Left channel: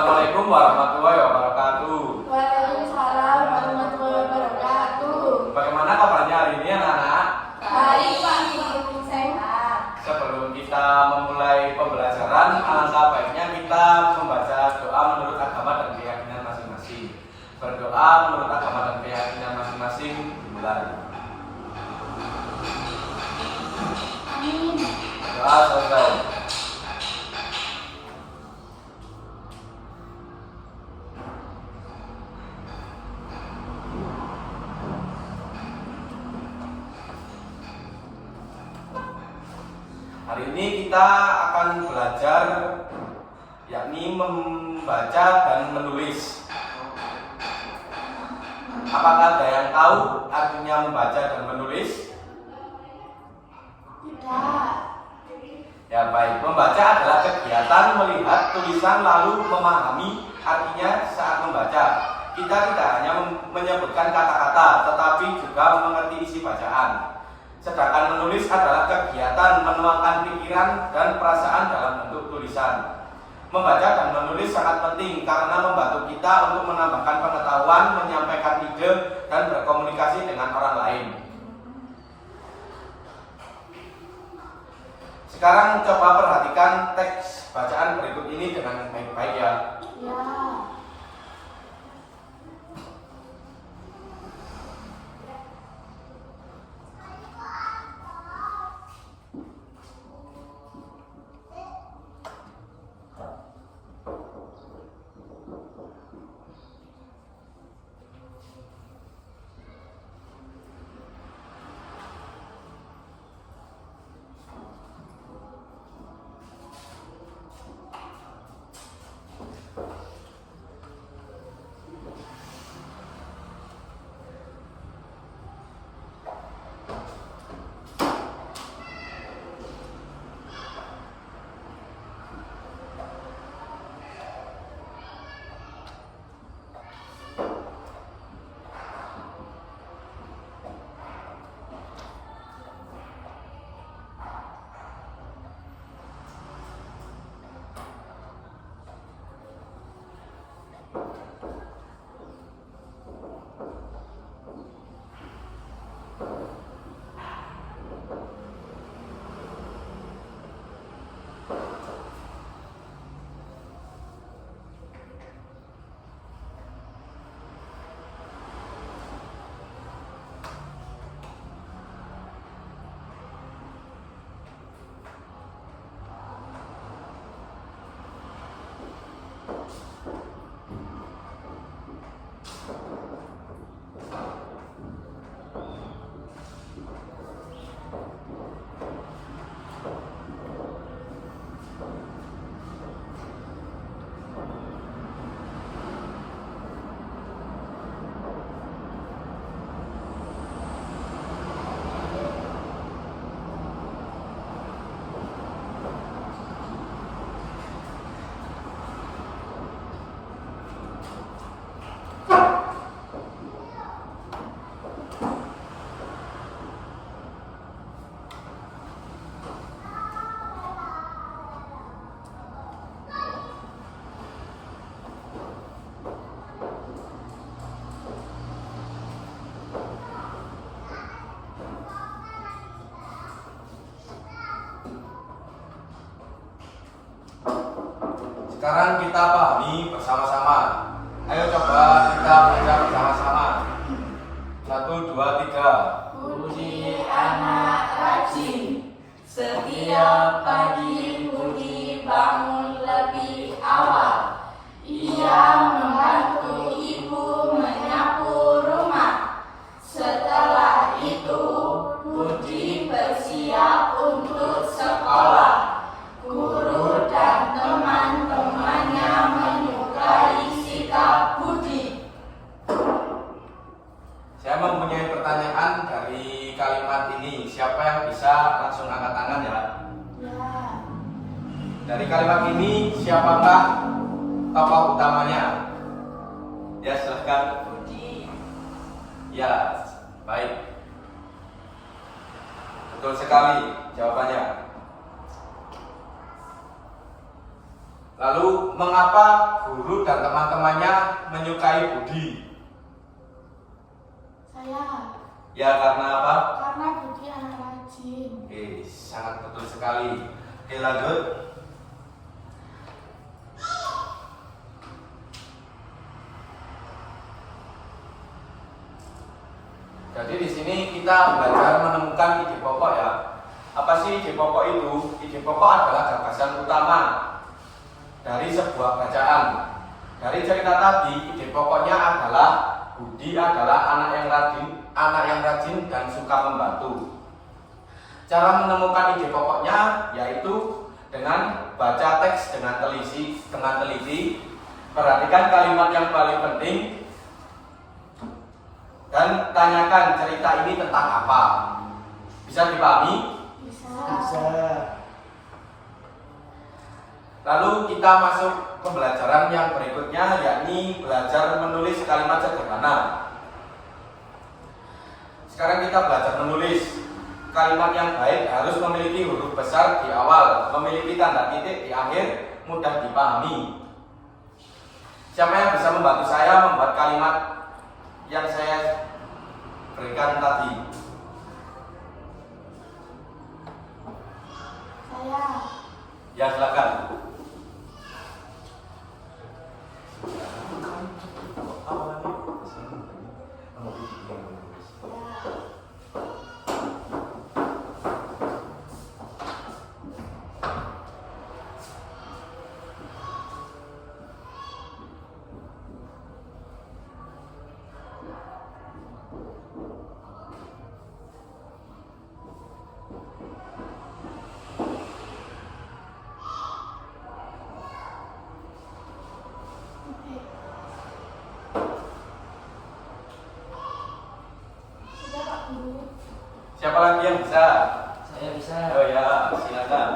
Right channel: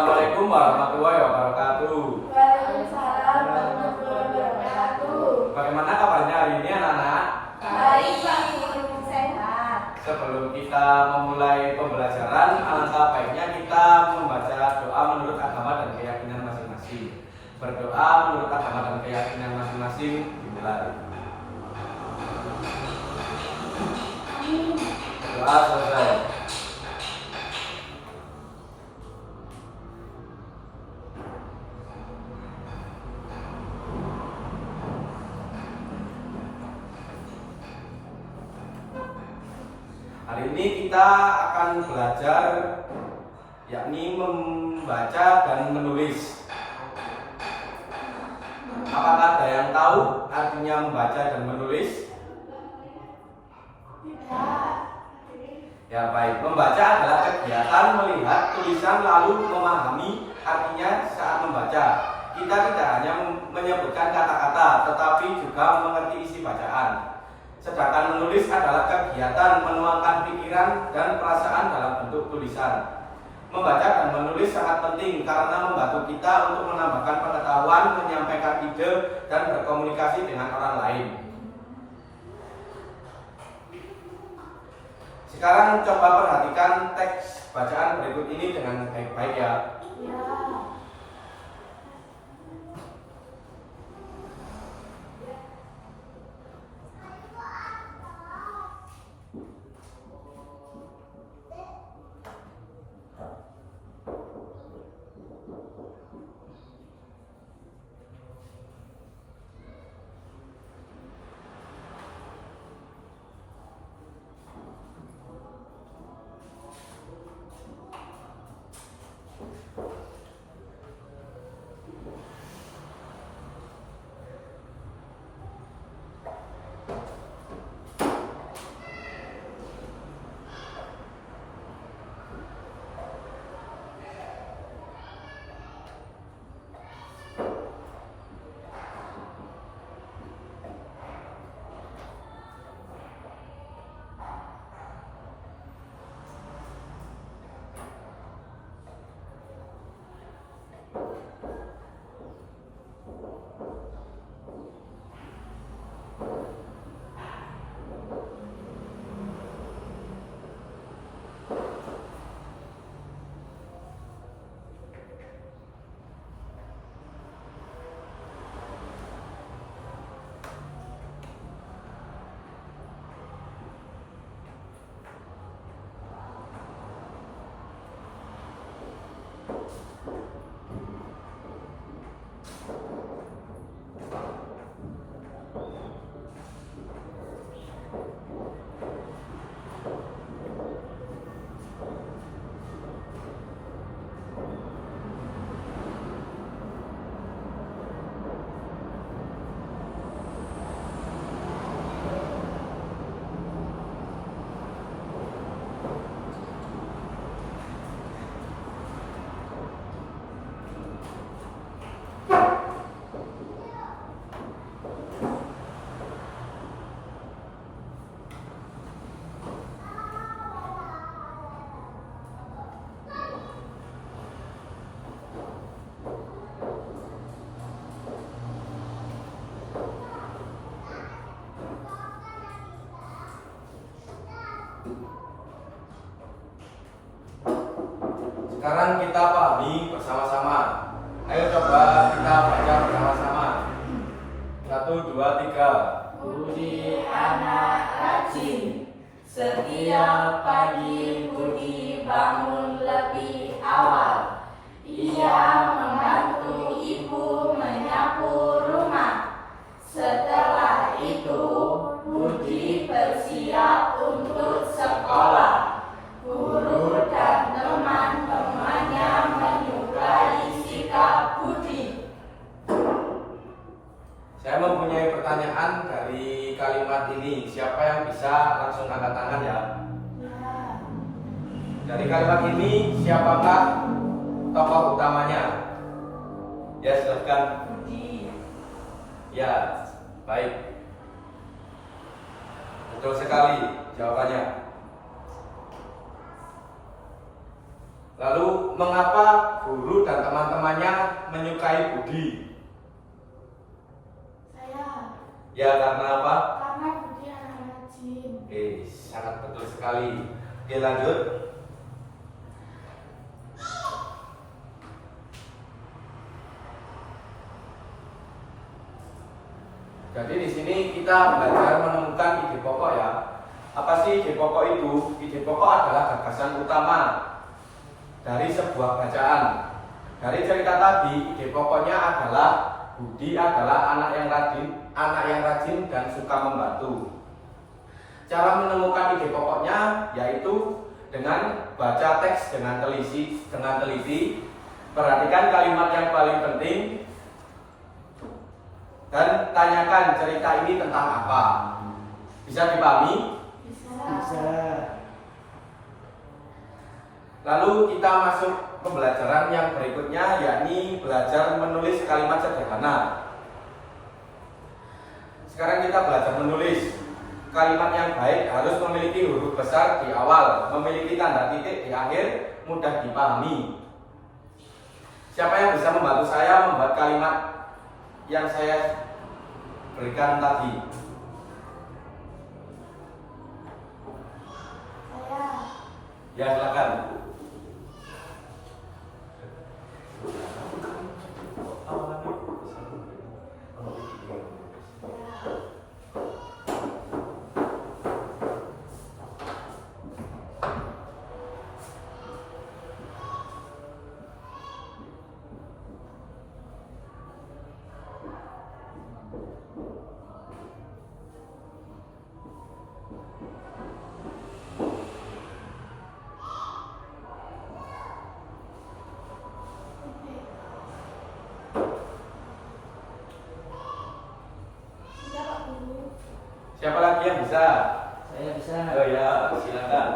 Assalamualaikum warahmatullahi wabarakatuh. Waalaikumsalam warahmatullahi wabarakatuh. Bagaimana kabarnya hari ini anak-anak? Baik Pak Guru, sehat. Sebelum kita memulai pembelajaran, alangkah baiknya kita membaca doa menurut agama dan keyakinan masing-masing. Berdoa menurut agama dan keyakinan masing-masing dimulai. Doa selesai. Hari ini kita akan belajar yakni membaca dan menulis. Apakah ada yang tahu artinya membaca dan menulis? Tidak. Ya baik, membaca adalah kegiatan melihat tulisan lalu memahami artinya saat membaca. Kita tidak hanya menyebutkan kata-kata, tetapi juga mengerti isi bacaan. Sedangkan menulis adalah kegiatan menuangkan pikiran dan perasaan dalam bentuk tulisan. Membaca dan menulis sangat penting karena membantu kita untuk menambahkan pengetahuan, menyampaikan ide, dan berkomunikasi dengan orang lain. Sekarang coba perhatikan teks bacaan berikut ini dengan baik-baik ya. Ya. Sekarang kita pahami bersama-sama. Ayo coba kita baca bersama-sama. 1, 2, 3. Budi anak rajin. Setiap pagi Budi bangun lebih awal. Ia membantu ibu menyapu rumah. Setelah itu Budi bersiap untuk sekolah. Guru dan teman-temannya menyukai sikap Budi. Saya mempunyai pertanyaan dari kalimat ini. Siapa yang bisa langsung angkat tangan ya? Dari kalimat ini siapakah tokoh utamanya? Ya silahkan. Budi. Ya, baik. Betul sekali jawabannya. Lalu mengapa guru dan teman-temannya menyukai Budi? Saya. Ya karena apa? Karena Budi anak rajin. Sangat betul sekali. Oke, lanjut. Jadi di sini kita belajar menemukan ide pokok ya. Apa sih ide pokok itu? Ide pokok adalah gagasan utama dari sebuah bacaan. Dari cerita tadi, ide pokoknya adalah Budi adalah anak yang rajin dan suka membantu. Cara menemukan ide pokoknya yaitu dengan baca teks dengan teliti, perhatikan kalimat yang paling penting, dan tanyakan cerita ini tentang apa. Bisa dipahami? Bisa. Lalu kita masuk pembelajaran yang berikutnya, yakni belajar menulis kalimat sederhana. Sekarang kita belajar menulis. Kalimat yang baik harus memiliki huruf besar di awal, memiliki tanda titik di akhir, mudah dipahami. Siapa yang bisa membantu saya membuat kalimat yang saya berikan tadi? Saya. Ya, silakan. Sudah Pak Guru. Siapa lagi yang bisa? Saya bisa. Oh ya, silakan.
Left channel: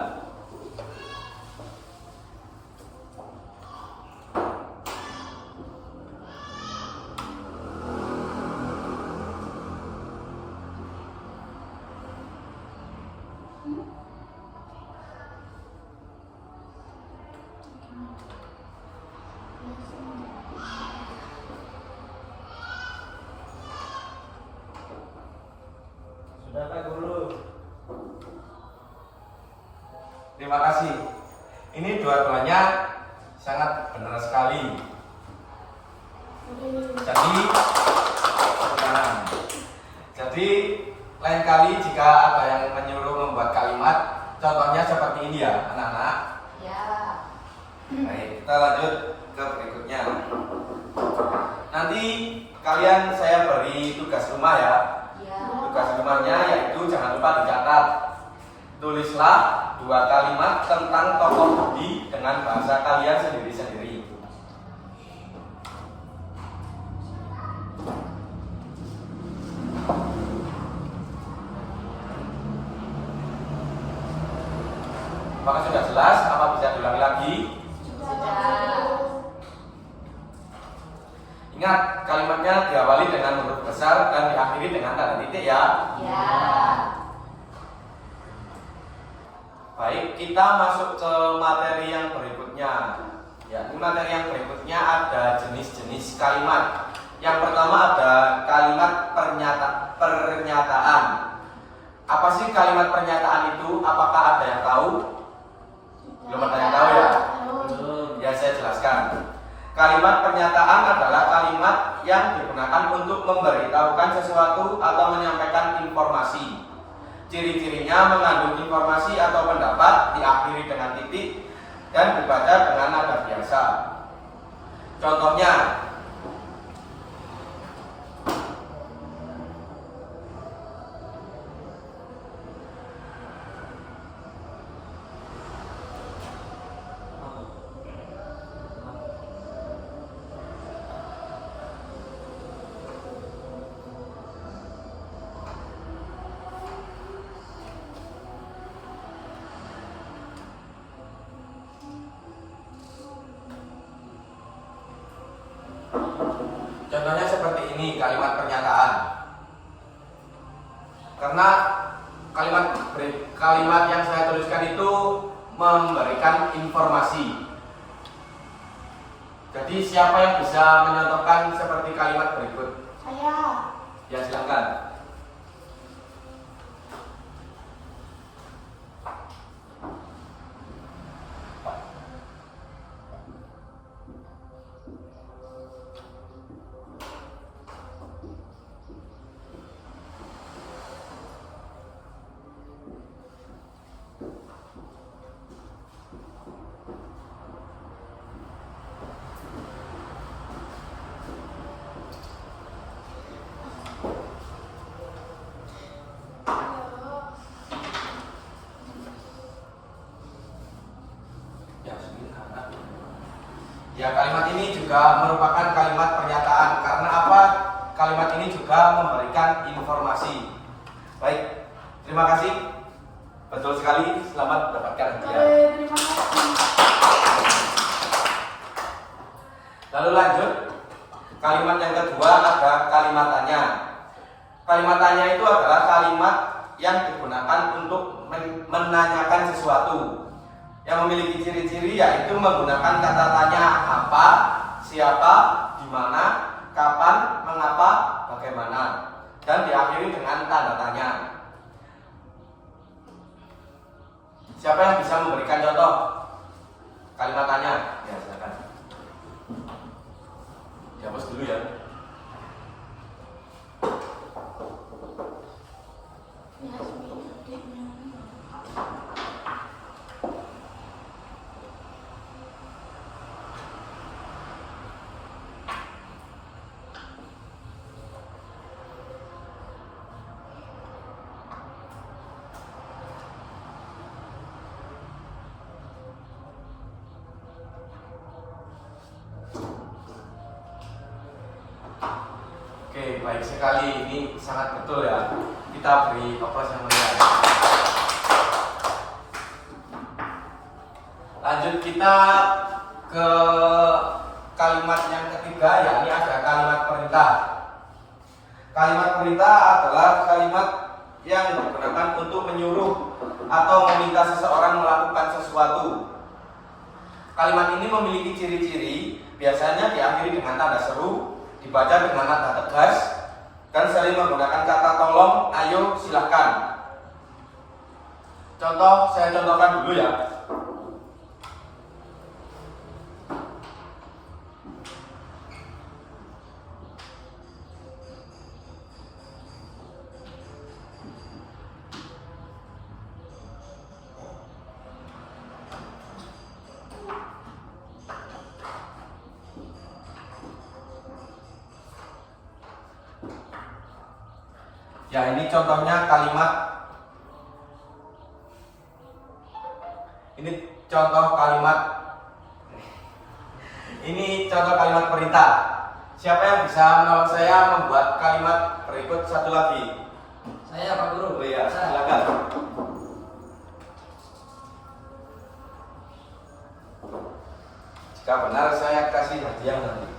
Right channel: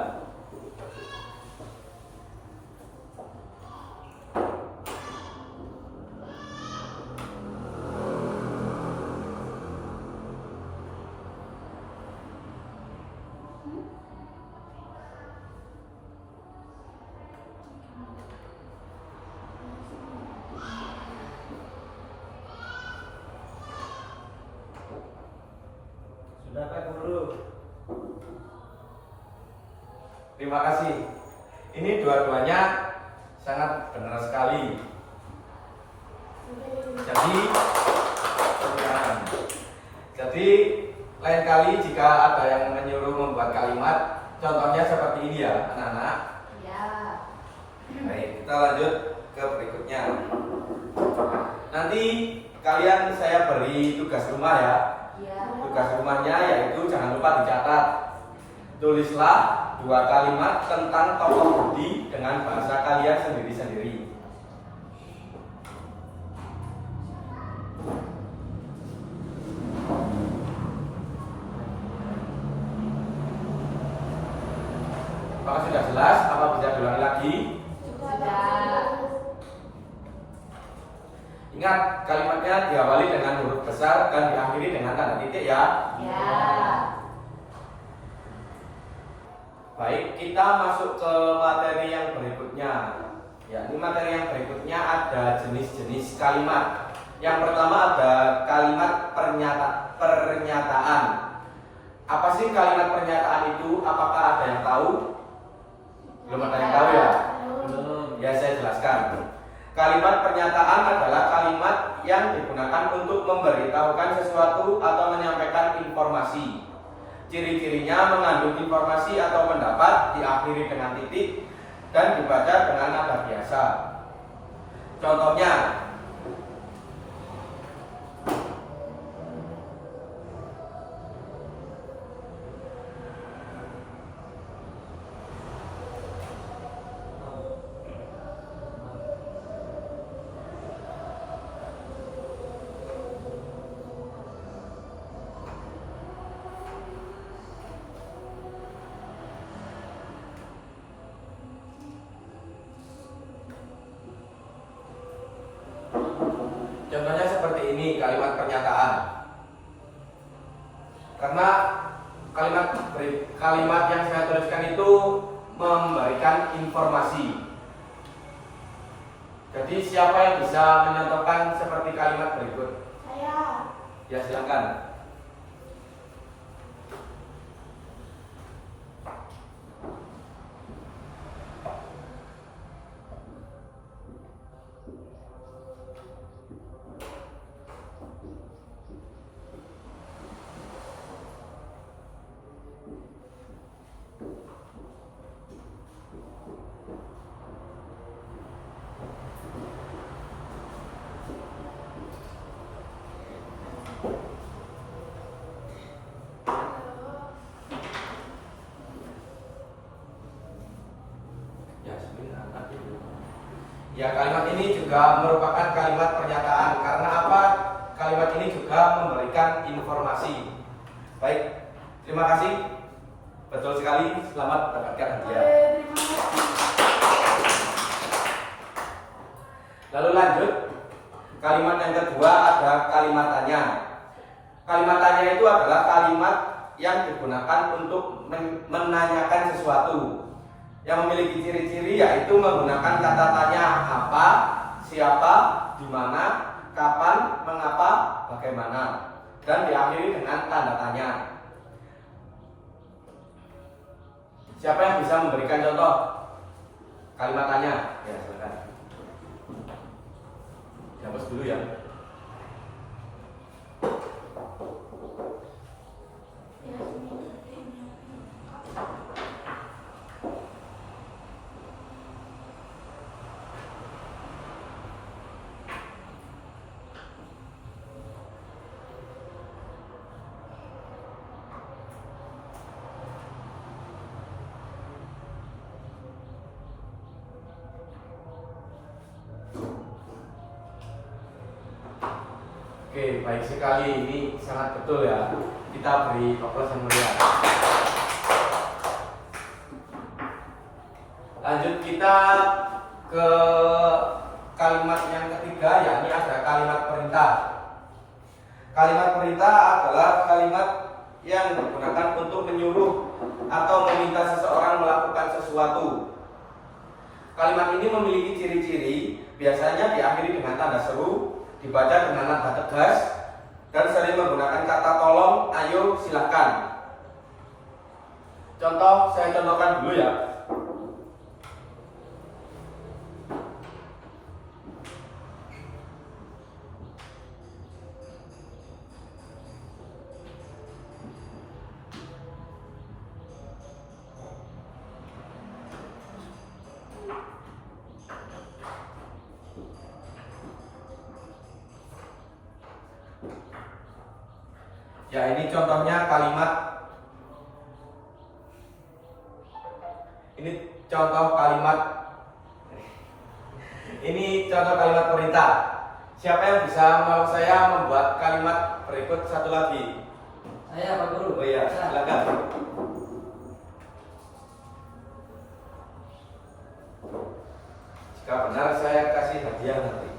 Sudah Pak Guru. Terima kasih. Ini dua-duanya sangat benar sekali. Jadi lain kali jika ada yang menyuruh membuat kalimat, contohnya seperti ini ya, anak-anak. Ya. Baik, kita lanjut ke berikutnya. Nanti kalian saya beri tugas rumah ya. Ya. Tugas rumahnya yaitu jangan lupa dicatat. Tulislah 2 kalimat tentang tokoh Budi dengan bahasa kalian sendiri-sendiri. Apakah sudah jelas? Apa bisa diulangi lagi? Sudah. Ingat, kalimatnya diawali dengan huruf besar dan diakhiri dengan tanda titik ya. Ya. Baik, kita masuk ke materi yang berikutnya. Ya, ini materi yang berikutnya ada jenis-jenis kalimat. Yang pertama ada kalimat pernyataan. Apa sih kalimat pernyataan itu? Apakah ada yang tahu? Belum ada yang tahu ya? Belum. Ya, saya jelaskan. Kalimat pernyataan adalah kalimat yang digunakan untuk memberitahukan sesuatu atau menyampaikan informasi. Ciri-cirinya mengandung informasi atau pendapat, diakhiri dengan titik, dan dibaca dengan nada biasa. Contohnya, contohnya seperti ini kalimat pernyataan. Karena kalimat yang saya tuliskan itu memberikan informasi. Jadi siapa yang bisa menyontohkan seperti kalimat berikut? Saya. Ya silakan. Ya, kalimat ini juga merupakan kalimat pernyataan. Karena apa? Kalimat ini juga memberikan informasi. Baik, terima kasih. Betul sekali, selamat mendapatkan hadiah. Terima kasih. Lalu lanjut, kalimat yang kedua ada kalimat tanya. Kalimat tanya itu adalah kalimat yang digunakan untuk menanyakan sesuatu, yang memiliki ciri-ciri yaitu menggunakan kata tanya apa, siapa, di mana, kapan, mengapa, bagaimana, dan diakhiri dengan tanda tanya. Siapa yang bisa memberikan contoh kalimat tanya? Ya, silakan. Jawab dulu ya. Oke, baik sekali. Ini sangat betul ya. Kita beri aplaus yang meriah. Lanjut kita ke kalimat yang ketiga, yakni ada kalimat perintah. Kalimat perintah adalah kalimat yang digunakan untuk menyuruh atau meminta seseorang melakukan sesuatu. Kalimat ini memiliki ciri-ciri, biasanya diakhiri dengan tanda seru, dibaca dengan nada tegas, dan sering menggunakan kata tolong, ayo, silahkan. Contoh, saya contohkan dulu ya. Ya, ini contohnya kalimat. Ini contoh kalimat. Ini contoh kalimat perintah. Siapa yang bisa menolong saya membuat kalimat berikut satu lagi? Saya Pak Guru. Oh iya, silakan. Jika benar saya kasih hadiah nanti.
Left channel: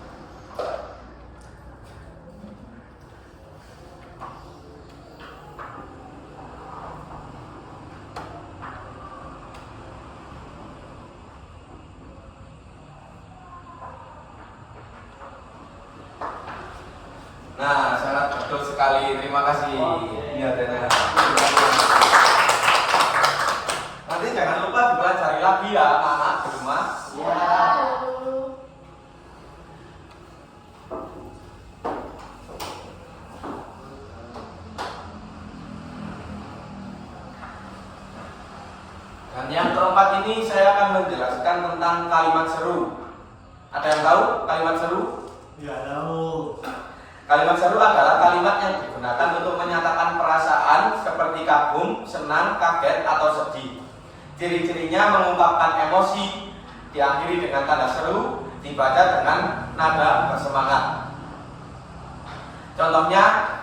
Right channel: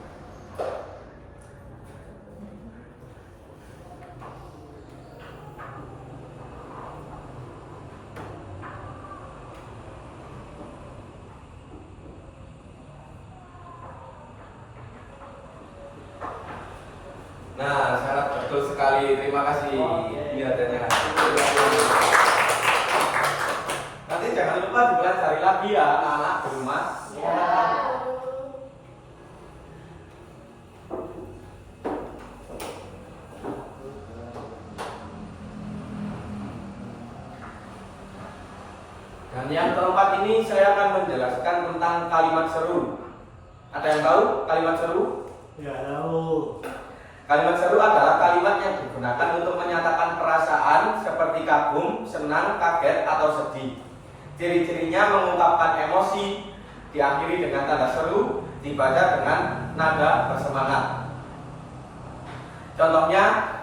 Nah, sangat betul sekali. Terima kasih. Ini adanya. Nanti jangan lupa dipelajari lagi ya, anak-anak di rumah. Ya. Dan yang keempat ini saya akan menjelaskan tentang kalimat seru. Ada yang tahu kalimat seru? Ya tahu. Kalimat seru adalah kalimat yang digunakan untuk menyatakan perasaan seperti kagum, senang, kaget, atau sedih. Ciri-cirinya mengungkapkan emosi, diakhiri dengan tanda seru, dibaca dengan nada bersemangat. Contohnya,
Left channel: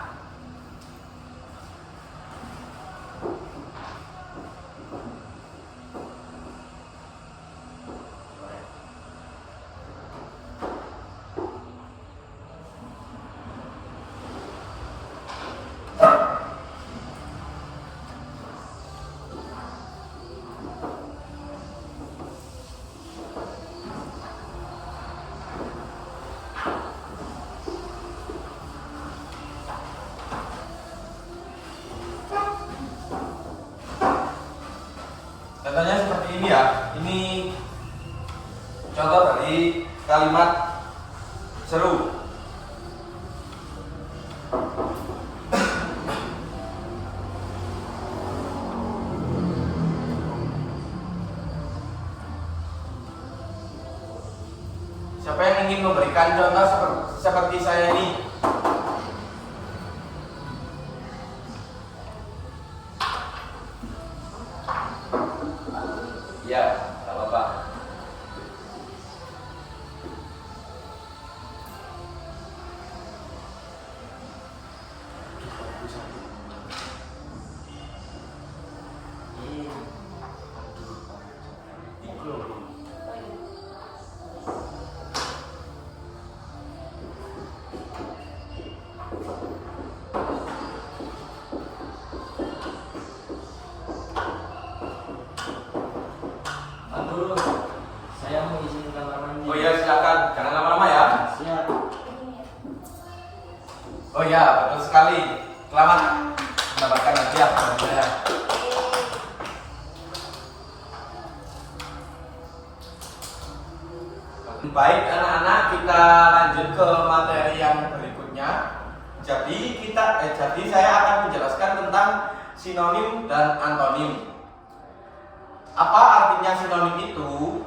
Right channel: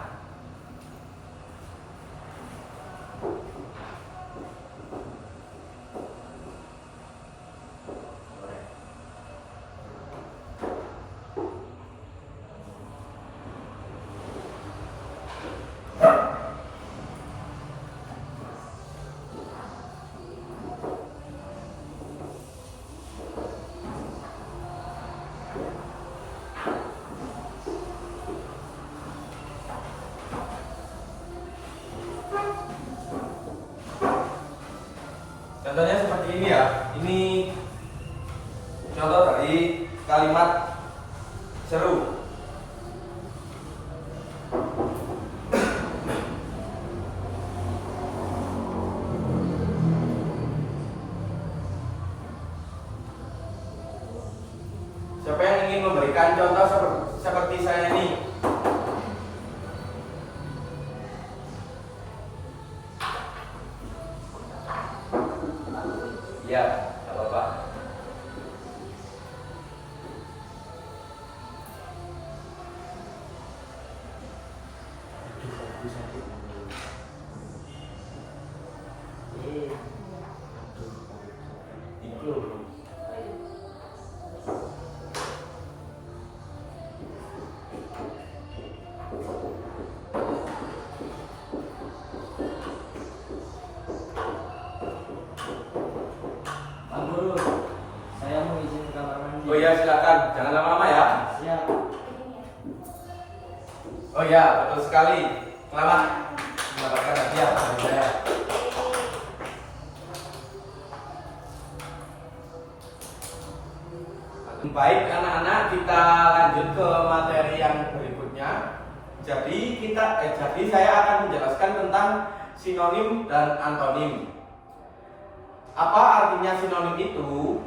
ini ya. Ini contoh dari kalimat seru. Siapa yang ingin memberikan contoh seperti saya ini? Ya, nggak apa-apa. Pak Guru, saya mau izin ke kamar mandi. Oh ya, silakan, jangan lama-lama ya. Siap. Oh ya, betul sekali. Selamat mendapatkan hadiah dari saya. Baik anak-anak, kita lanjut ke materi yang berikutnya. Jadi saya akan menjelaskan tentang sinonim dan antonim. Apa artinya sinonim itu?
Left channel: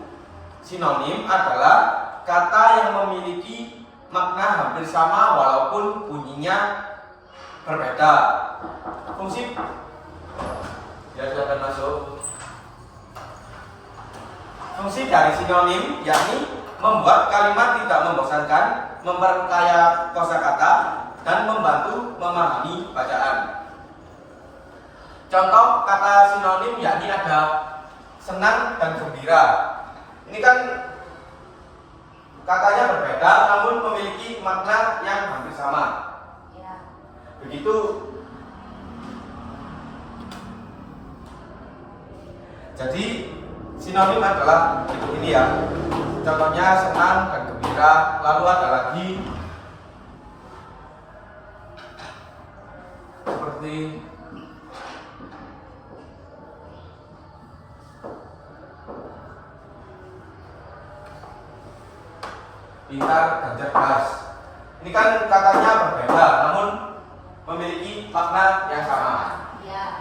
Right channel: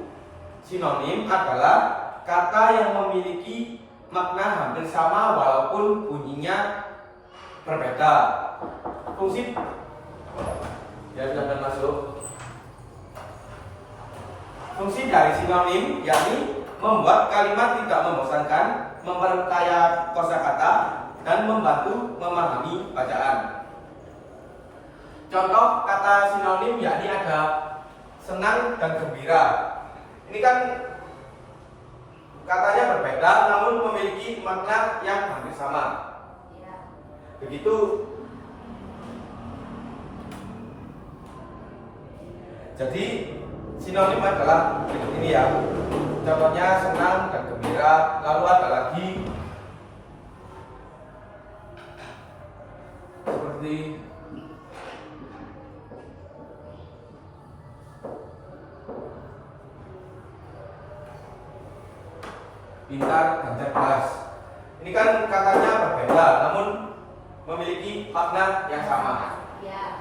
Sinonim adalah kata yang memiliki makna hampir sama walaupun bunyinya berbeda. Fungsi ya silakan masuk. Fungsi dari sinonim yakni membuat kalimat tidak membosankan, memperkaya kosakata, dan membantu memahami bacaan. Contoh kata sinonim yakni ada senang dan gembira. Ini kan katanya berbeda namun memiliki makna yang hampir sama. Begitu. Jadi sinonim adalah ini ya. Contohnya senang dan gembira. Lalu ada lagi seperti pintar dan cerdas. Ini kan katanya berbeda namun memiliki makna yang sama.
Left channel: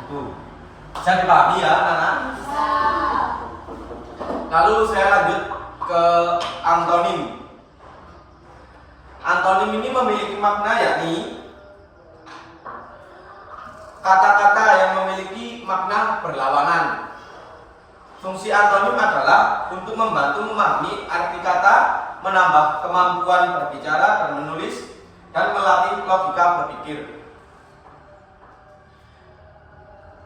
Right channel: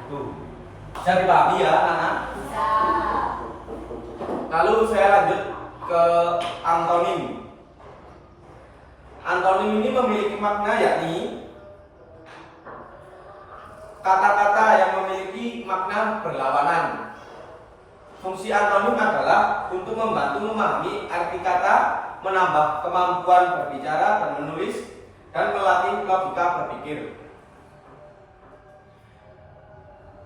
Itu bisa dipahami ya anak-anak. Lalu saya lanjut ke antonim. Antonim ini memiliki makna yakni kata-kata yang memiliki makna berlawanan. Fungsi antonim adalah untuk membantu memahami arti kata, menambah kemampuan berbicara dan menulis, dan melatih logika berpikir.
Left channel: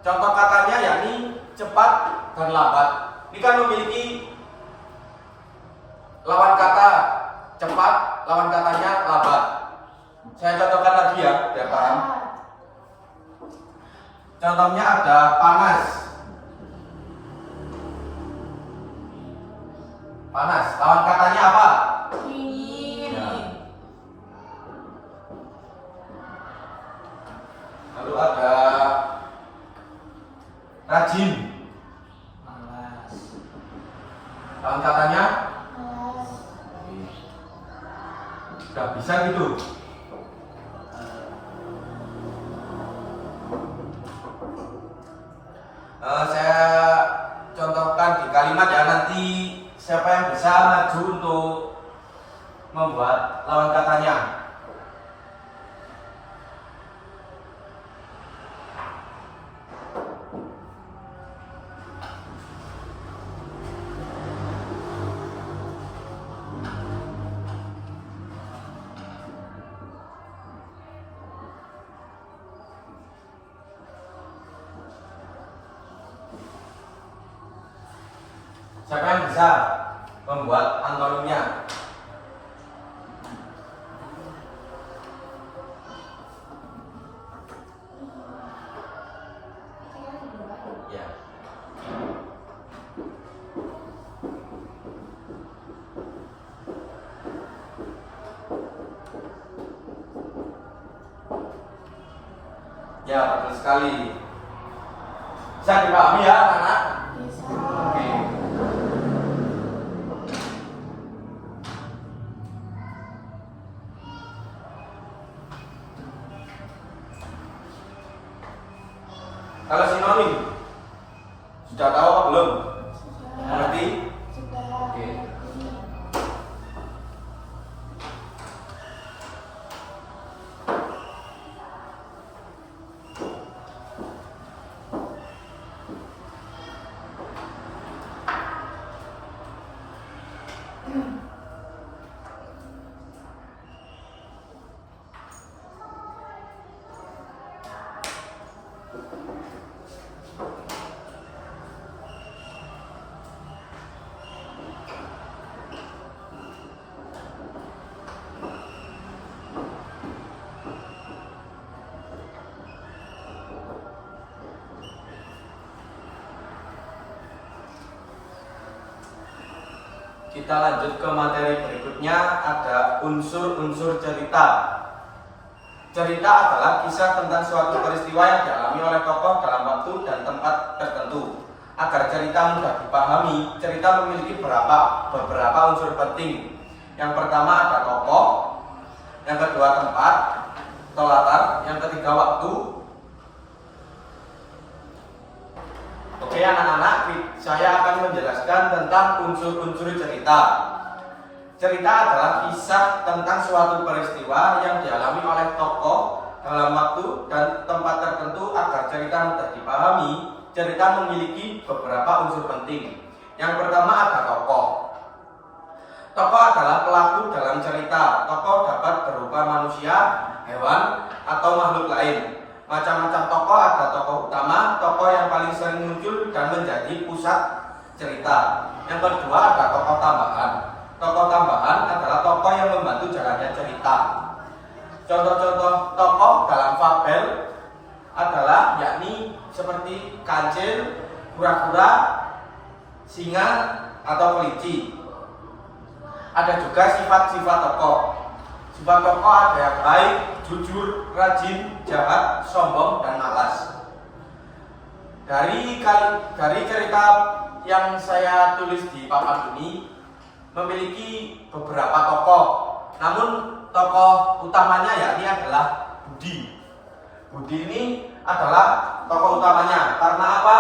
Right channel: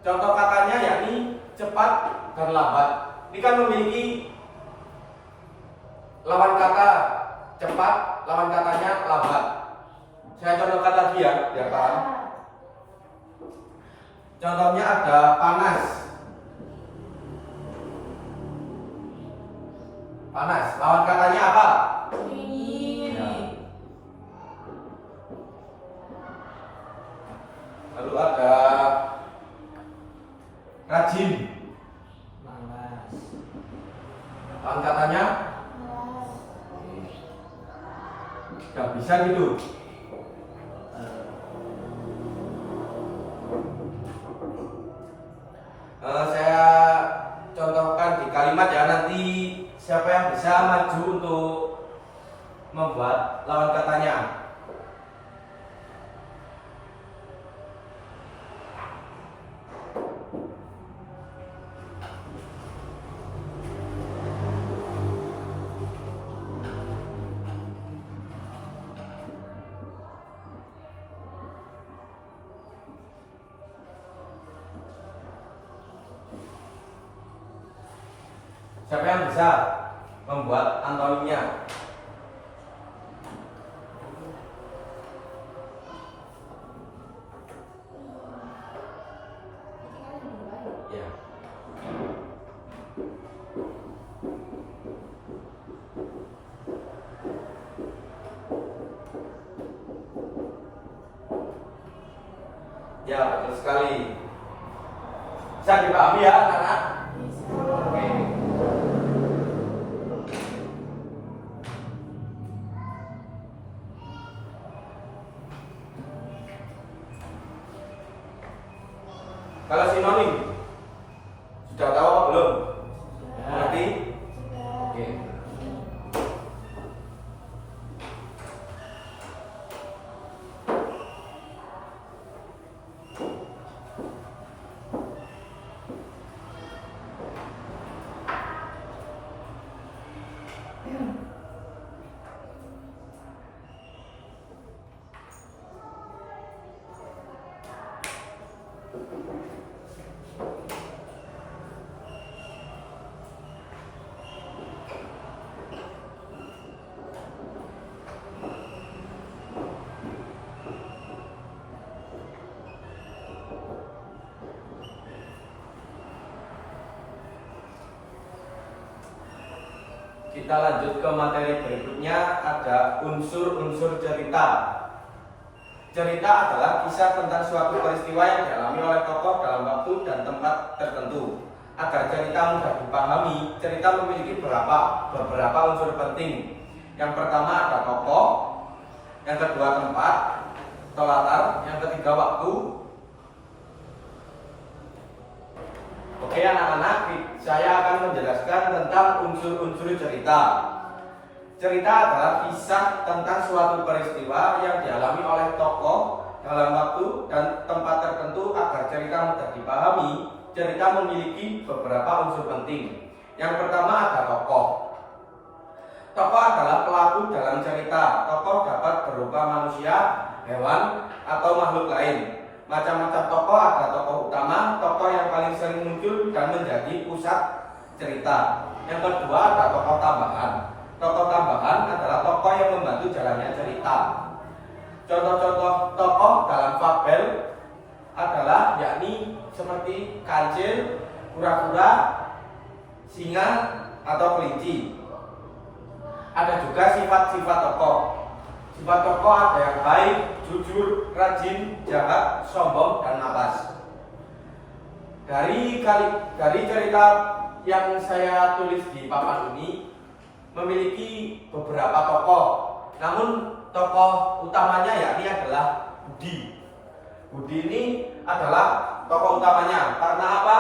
Contoh katanya yakni cepat dan lambat. Ini kan memiliki lawan kata cepat, lawan katanya lambat. Saya contohkan lagi ya, biar paham. Contohnya ada panas. Panas, lawan katanya apa? Dingin. Ya. Lalu ada rajin. Malas. Lawan katanya Malas. nggak bisa gitu. Saya contohkan di kalimat ya, nanti siapa yang bisa maju untuk membuat lawan katanya. Siapa yang bisa membuat antonimnya? Ya. Ya, betul sekali. Bisa dipahami ya, anak-anak? Bisa. Oke. Kalau sinonim, sudah tahu apa belum? Mengerti? Sudah. Oke. Kita lanjut ke materi berikutnya, ada unsur-unsur cerita. Cerita adalah kisah tentang suatu peristiwa yang dialami oleh tokoh dalam waktu dan tempat tertentu. Agar cerita mudah dipahami, cerita memiliki beberapa unsur penting. Yang pertama ada tokoh, yang kedua tempat atau latar, yang ketiga waktu. Oke anak-anak, saya akan menjelaskan tentang unsur-unsur cerita. Cerita adalah kisah tentang suatu peristiwa yang dialami oleh tokoh dalam waktu dan tempat tertentu. Agar cerita mudah dipahami, cerita memiliki beberapa unsur penting. Yang pertama ada tokoh. Tokoh adalah pelaku dalam cerita. Tokoh dapat berupa manusia, hewan, atau makhluk lain. Macam-macam tokoh, ada tokoh utama, tokoh yang paling sering muncul dan menjadi pusat cerita. Yang kedua ada tokoh tambahan. Tokoh tambahan adalah tokoh yang membantu jalannya cerita. Contoh-contoh tokoh dalam fabel adalah yakni seperti kancil, kura-kura, singa, atau kelinci. Ada juga sifat-sifat tokoh. Sifat tokoh ada yang baik, jujur, rajin, jahat, sombong, dan malas. Dari cerita yang saya tulis di papan ini memiliki beberapa tokoh. Namun tokoh utamanya yakni adalah Budi. Budi ini adalah tokoh utamanya. Karena apa?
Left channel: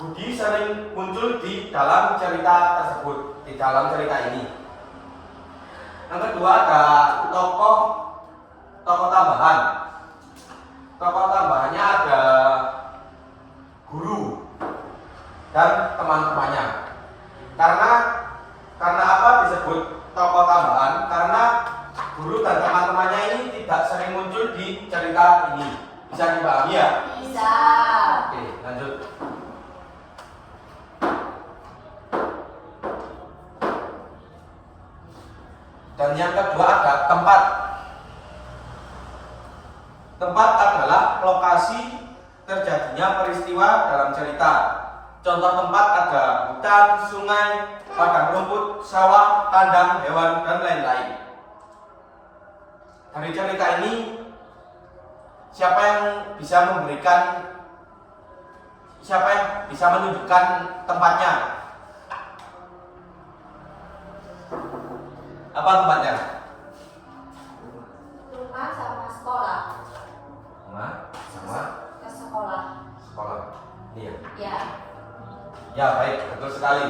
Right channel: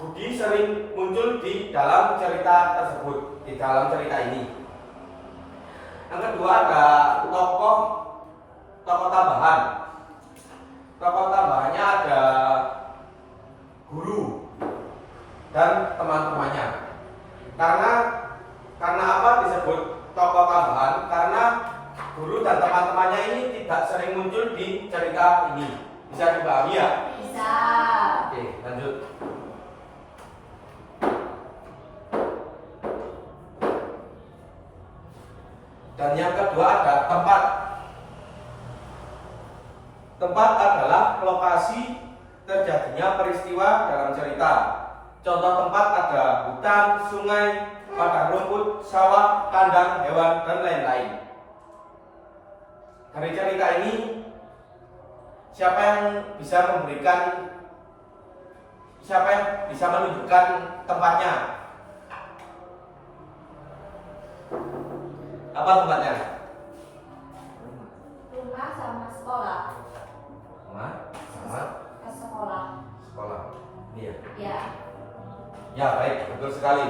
Budi sering muncul di dalam cerita tersebut, di dalam cerita ini. Yang kedua ada tokoh tambahan. Tokoh tambahannya ada guru dan teman-temannya. Karena apa disebut tokoh tambahan? Karena guru dan teman-temannya ini tidak sering muncul di cerita ini. Bisa dipahami ya? Bisa. Oke, lanjut. Dan yang kedua ada tempat. Tempat adalah lokasi terjadinya peristiwa dalam cerita. Contoh tempat ada hutan, sungai, padang rumput, sawah, kandang hewan, dan lain-lain. Dari cerita ini, siapa yang bisa menunjukkan tempatnya? Apa tempatnya? Rumah sama sekolah. Rumah sama Ke sekolah. sekolah. Iya. Ya. Ya, baik, betul sekali.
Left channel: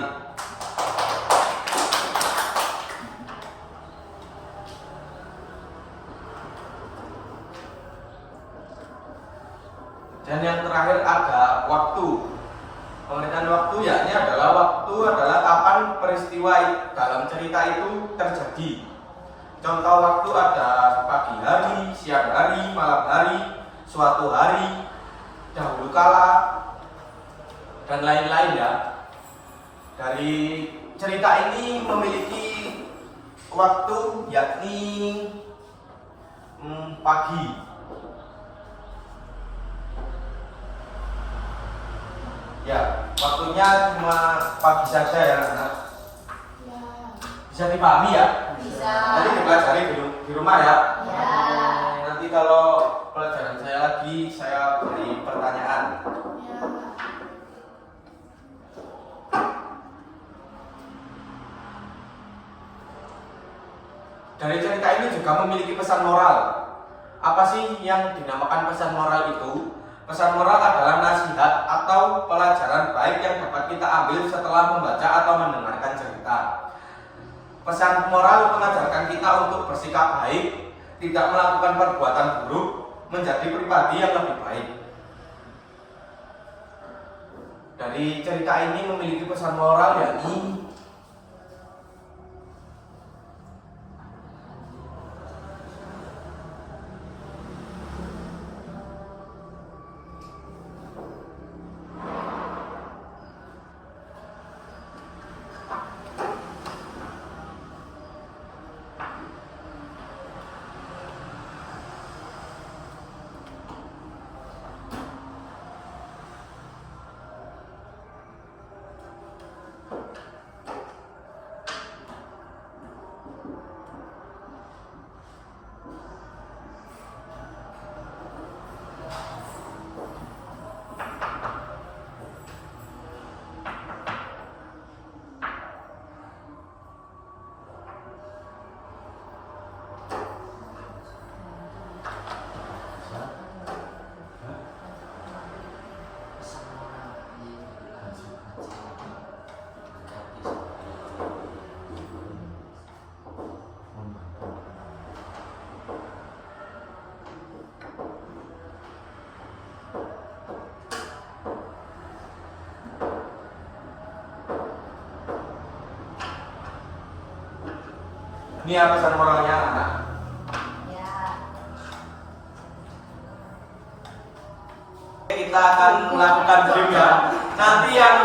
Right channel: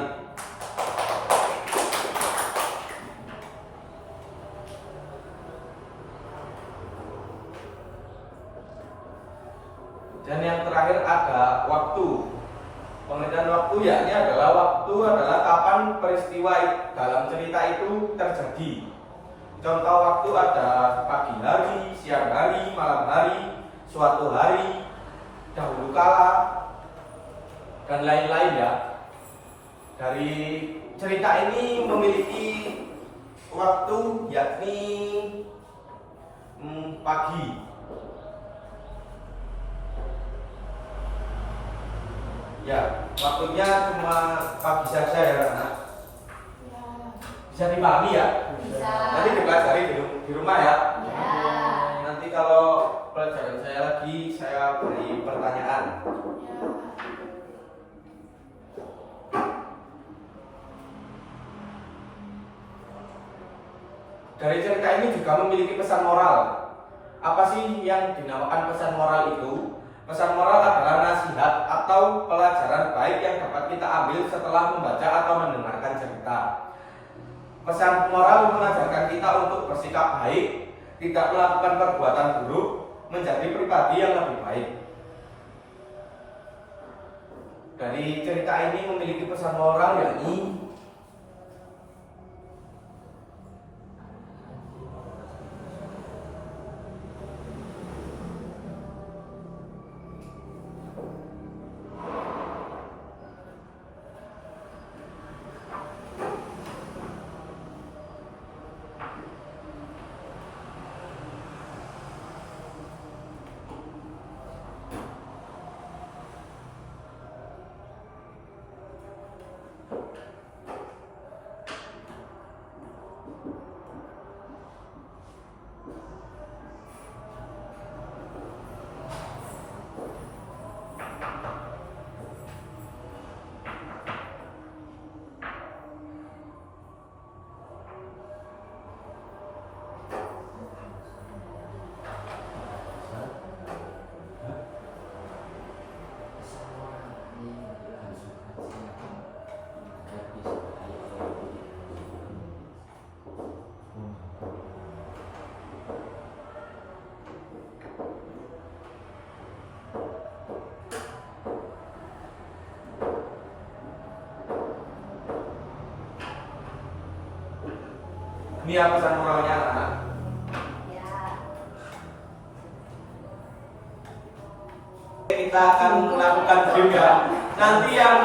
Dan yang terakhir ada waktu. Pengertian waktu yakni adalah kapan peristiwa dalam cerita itu terjadi. Contoh waktu ada pagi hari, siang hari, malam hari, suatu hari, dahulu kala, dan lain-lain ya. Dari cerita ini memiliki waktu yakni pagi. Ya, waktunya cuma pagi saja ya anak. Ya. Bisa dipahami ya? Bisa. Nanti dipelajari di rumah ya. Ya. Nanti kalau pelajaran saya lagi, saya beri pertanyaan. Ya. Dari cerita ini juga memiliki pesan moral. Apa sih yang dinamakan pesan moral itu? Pesan moral adalah nasihat atau pelajaran baik yang dapat kita ambil setelah membaca atau mendengarkan cerita. Pesan moral mengajarkan kita untuk bersikap baik, tidak melakukan perbuatan buruk, menjadi pribadi yang lebih baik. Dari cerita ini memiliki pesan moral yakni ini apa pesan moralnya anak-anak? Ya. Kita akan melakukan game ya. Nanti yang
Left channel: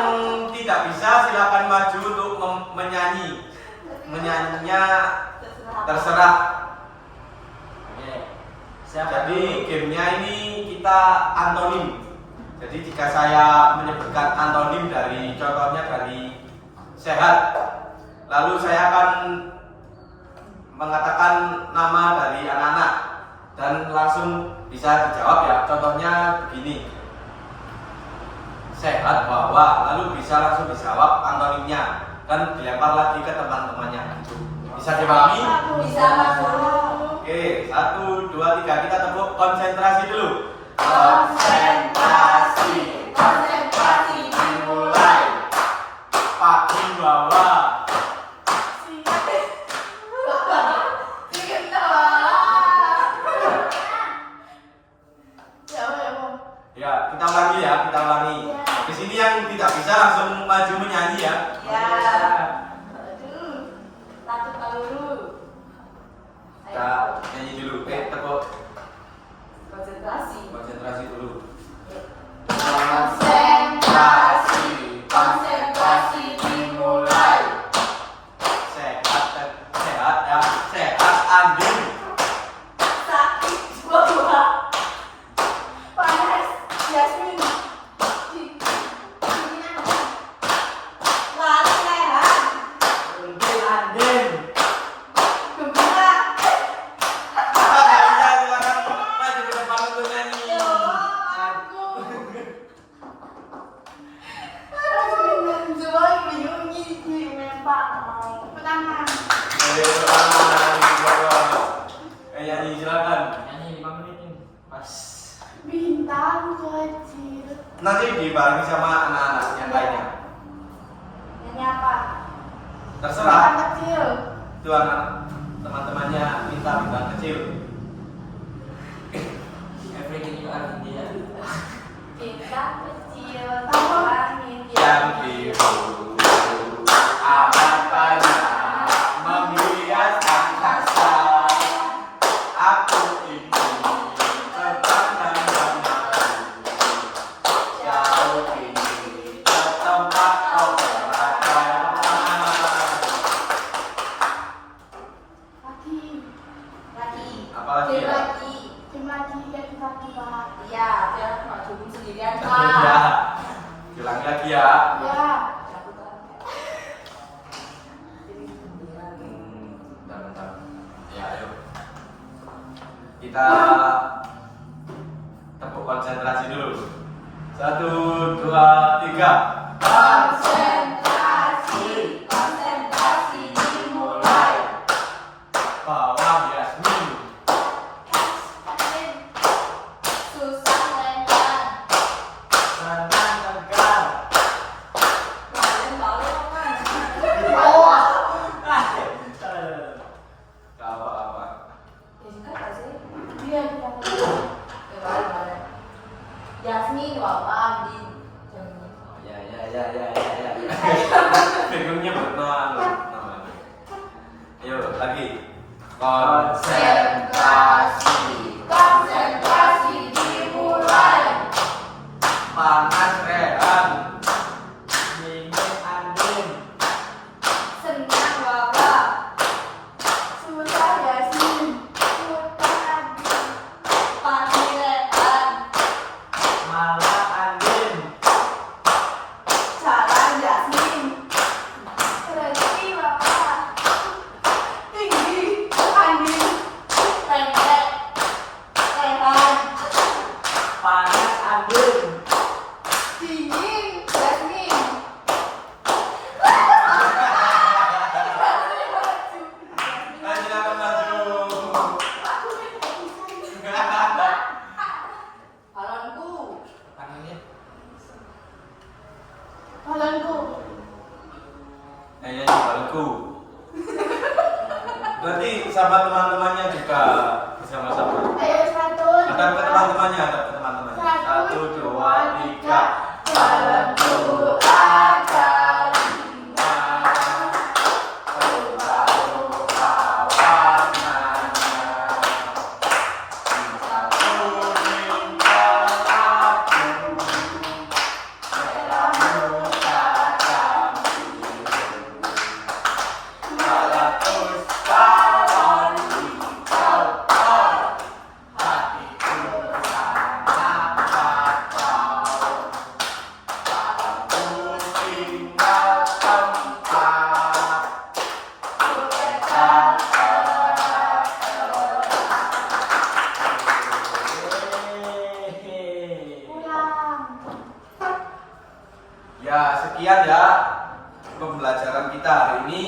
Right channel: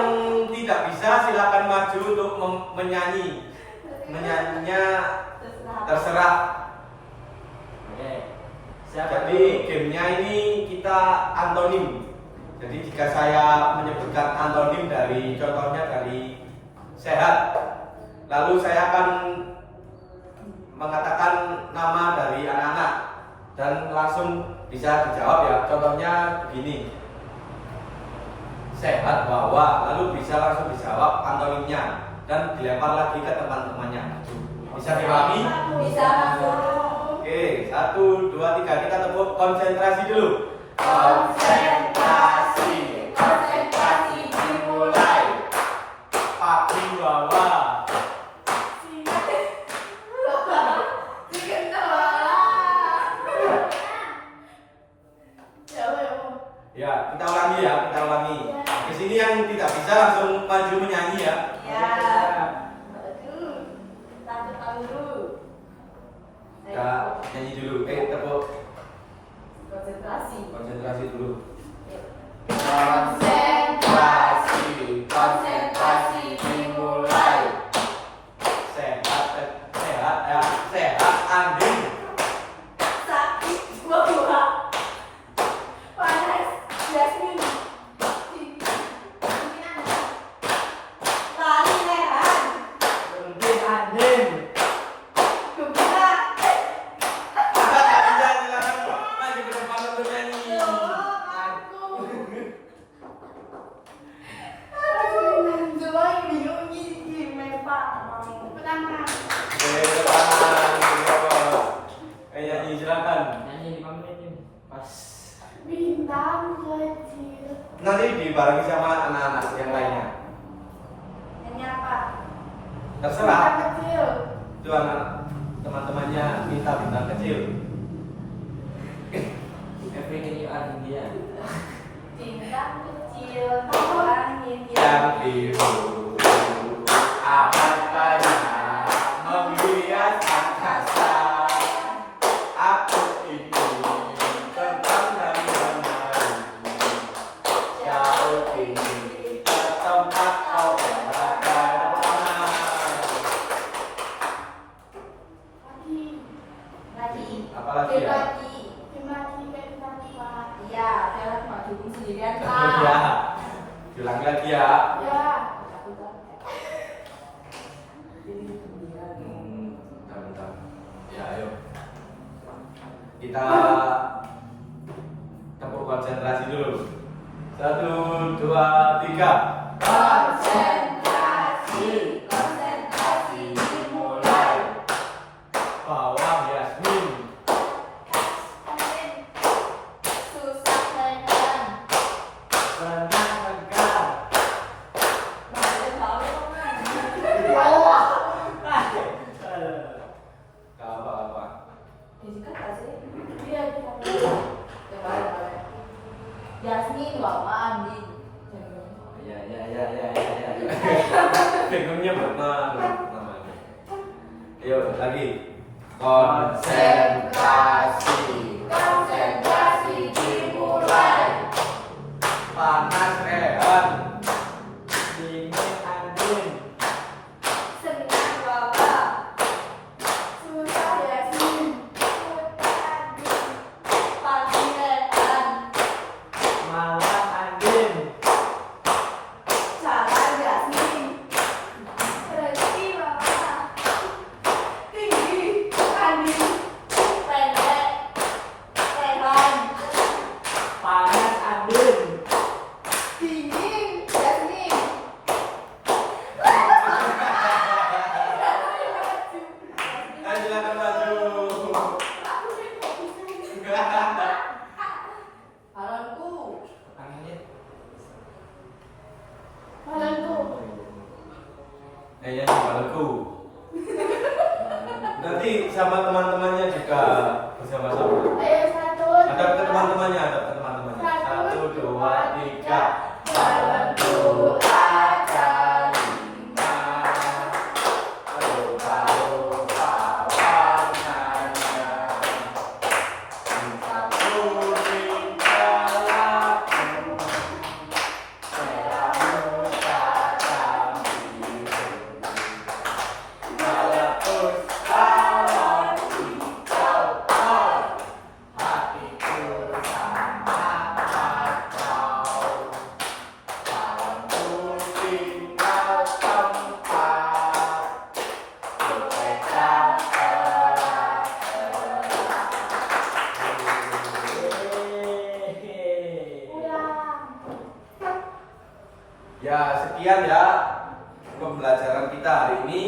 tidak bisa silakan maju untuk menyanyi. Menyanyinya terserah. Oke. Siapa Jadi gamenya ini kita antonim. Jadi jika saya menyebutkan antonim dari contohnya dari sehat, lalu saya akan mengatakan nama dari anak-anak dan langsung bisa dijawab ya. Contohnya begini, sehat bahwa, lalu bisa langsung dijawab antonimnya dan dilempar lagi ke teman-temannya. Bisa dipahami? Bisa masuk. Oke, 1, 2, 3, kita tepuk konsentrasi dulu. Konsentrasi, konsentrasi dimulai. Pagi bawah. Ya, kita ulangi ya, kita ulangi. Di sini yang tidak bisa langsung maju menyanyi ya. Ya. Tahu dulu. Kita nyanyi dulu. Tepuk Konsentrasi. konsentrasi dulu. Konsentrasi, konsentrasi dimulai. Sehat, sehat ya, sehat Andin. Sakit buah. Panas Yasmin. Lari leher. Mungkin Andin. Gembira. Ya, silakan maju ke depan untuk nyanyi. Yo, aku. Jual bingung gini, Pak. Pertama. Nyanyi silakan. Nyanyi 5 menit ini. Pas. Bintang kecil. Nanti dibarengi sama anak-anak yang lainnya. Ini apa? Terserah. Bintang kecil. Itu anak teman-temannya minta bintang kecil. Everything you are India. Bintang kecil. Taman India. Yang biru amat banyak menghias angkasa. Aku ingin terbang dan menari jauh tinggi ke tempat kau berada. Lagi. Apalagi ya? Lagi. Iya, saya maju sendirian Ya, Pak. ulangi lagi ya. Ya. Bentar. Ya, ayo. Kita tepuk konsentrasi dulu. 1, 2, 3. Konsentrasi, konsentrasi dimulai. Bawah Yasmin. Susah lenyap. Konsentrasi. Konsentrasi dimulai. Panas Rehan. Dingin angin. Senang bapak. Susah Yasin. Hutan Adi. Pagi Rehan. Malam angin. Jalan Yasin. Resi bapak. Tinggi angin. Pendek Rehan. Panas angin. Dingin Yasmin. Silakan maju. Balonku. Tangannya. Balonku. Kayaknya balku. Nanti sama teman-temannya juga bersama-sama. Ayo satu. Ada ke teman-temannya, ada ke teman-temannya. 1, 2, 3. Balonku ada 5. Baru kawanannya. Cinta kuning padaku. Merah muda dan biru. Meletus balon hijau. Hatiku sangat kacau. Balonku tinggal tempat. Berpecah Pulang. Ya, sekian ya pembelajaran kita hari ini.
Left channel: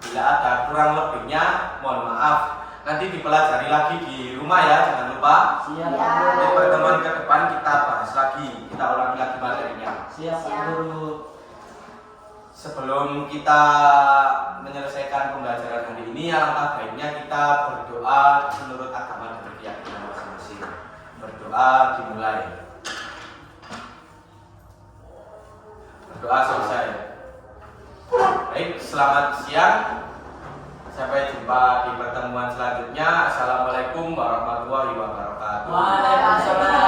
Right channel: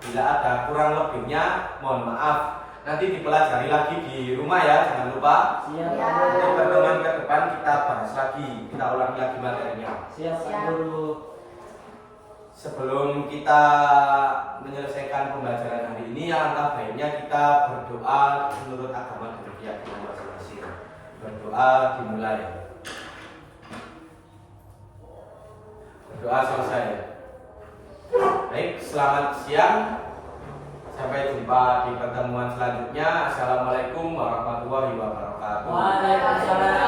Bila ada kurang lebihnya, mohon maaf. Nanti dipelajari lagi di rumah ya, jangan lupa. Siap Ya. Pak Nanti Guru. pertemuan ke depan kita bahas lagi, kita ulangi lagi materinya. Siap Pak Guru. Sebelum kita menyelesaikan pembelajaran hari ini, alangkah baiknya kita berdoa menurut agama dan keyakinan masing-masing. Berdoa dimulai. Berdoa selesai. Baik, selamat siang. Sampai jumpa di pertemuan selanjutnya. Assalamualaikum warahmatullahi wabarakatuh. Waalaikumsalam.